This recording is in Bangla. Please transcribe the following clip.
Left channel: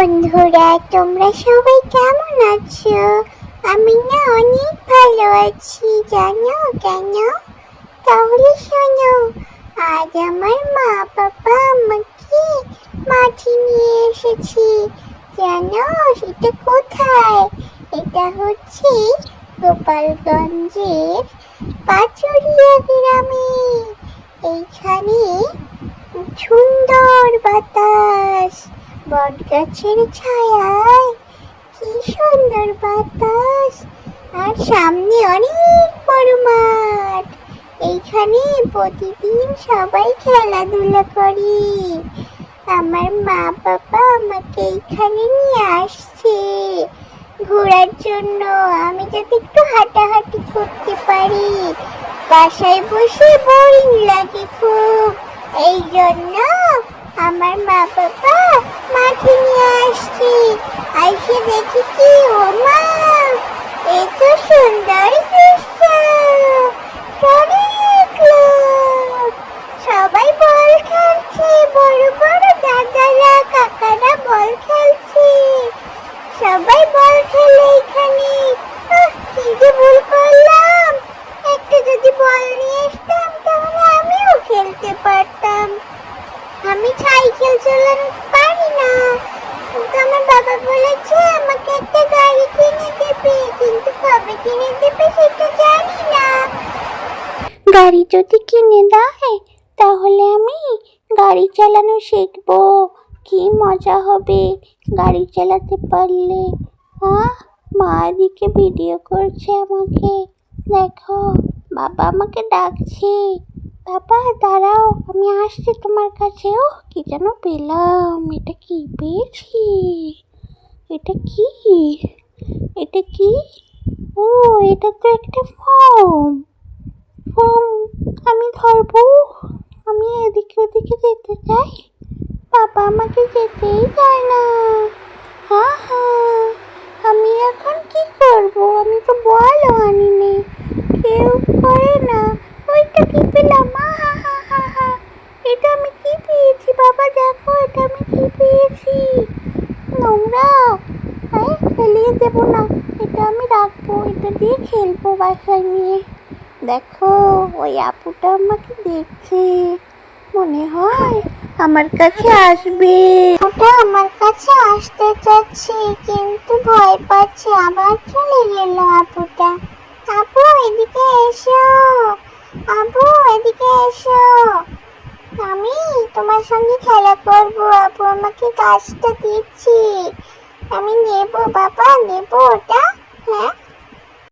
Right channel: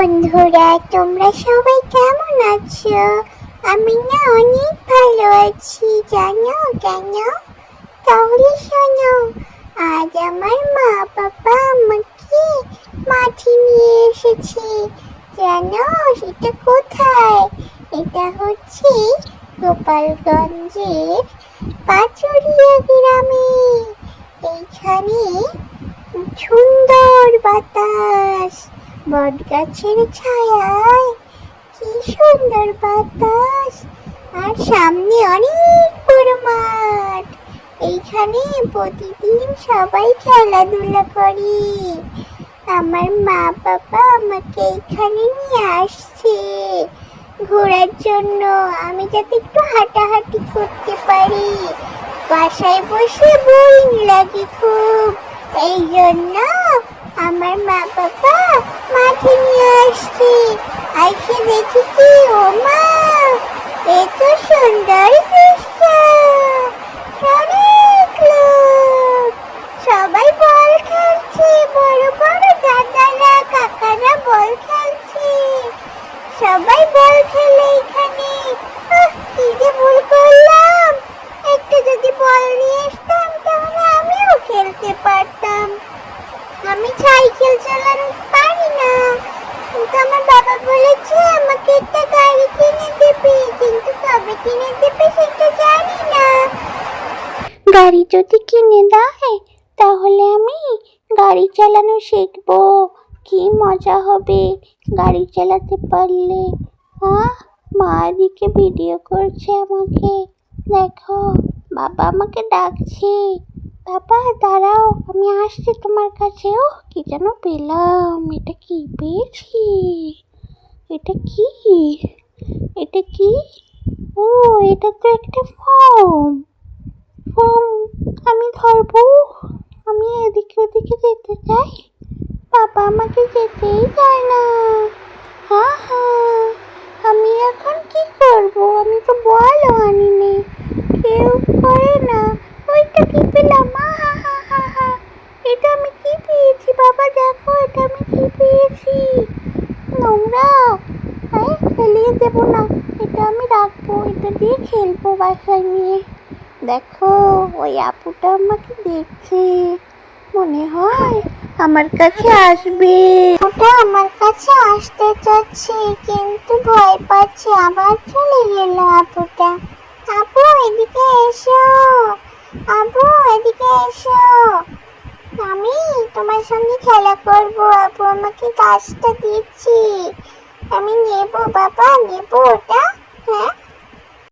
বন্ধুরা, তোমরা সবাই কেমন আছো? আমি না অনেক ভালো আছি, জানো কেন? তাহলে শোনো, আজ আমার মা বাবা আমাকে মাঠে নিয়ে এসেছি। জানো সেটা কোথায়? এটা হচ্ছে গোপালগঞ্জের পাচুরিয়া গ্রামে। এইখানে সুন্দর বাতাস, বটগাছের ছায়ায় কি সুন্দর বাতাস, আর সামনে অনেক বড় মাঠ। এইখানে প্রতিদিন সবাই খেলাধুলা করে। আমার মা বাবা আমাকে এইখানে নিয়ে আসছে ঘোরার জন্য, আমি যাতে একটু হাঁটাহাঁটি করতে পারি। বাসায় বসে বোরিং লাগে খুব, এই জন্য আমার মা বাবা মাঠে নিয়ে আসছি। আইসে দেখি কি, ও মা, এত সুন্দর দৃশ্য! অনেক লোক, সবাই বল খেলছে, বড় বড় দাদারা কাকারা বল খেলছে। সবাই বল খেলে এখানে। কি যে ভুল করলাম, একটু যদি বল নিয়ে আসতাম তাহলে আমিও খেলতে পারতাম। আমি সাইকেল চালানো পারি না, কিন্তু আমার বাবা বলেছে আমাকে একটা গাড়ি কিনে দেবে, কিন্তু কবে কিনে দেবে সেটা জানি না। গাড়ি যদি কিনে দেয় তাহলে আমি গাড়ি চালানো শিখবো। কি মজা হবে গাড়ি চালাতে পারলে। মা এদিকে ভিডিও করছে আমাকে, দেখো বাবা আমাকে ডাকছে। বাবা দাঁড়াও, আমি আসছি তোমার কাছে। ও কি যেন পেলাম, এটা কি পেয়েছি? এটা কি? এটা কি? ও, এটা তো একটা ফর্ম। আমি ধরবো। আমি এদিকে ওদিকে যেতে চাই, বাবা আমাকে যেতেই চায় না। আমি এখন কি করব? আমি তো বলও আনিনি, কেউ করে না। ওইটা কি পেলাম? এটা আমি কি পেয়েছি? বাবা দেখো, এটা আমি কি পেয়েছি? নোংরা, ফেলিয়ে দেবো না, এটা আমি রাখবো, এটা দিয়ে খেলবো বাসায় নিয়ে। দেখো ওই আপুটা আমাকে দেখছে, মনে হয় আমার কাছে আসবে। ওটা আমার কাছে আসতে চাচ্ছে কিন্তু ভয় পাচ্ছে, আবার চলে গেল আপুটা। আপু এদিকে এসো, আপু এদিকে এসো, আমি তোমার সঙ্গে খেলা করব। আপু আমাকে গাছটা দিচ্ছি, আমি নেব বাবা, নেব ওটা।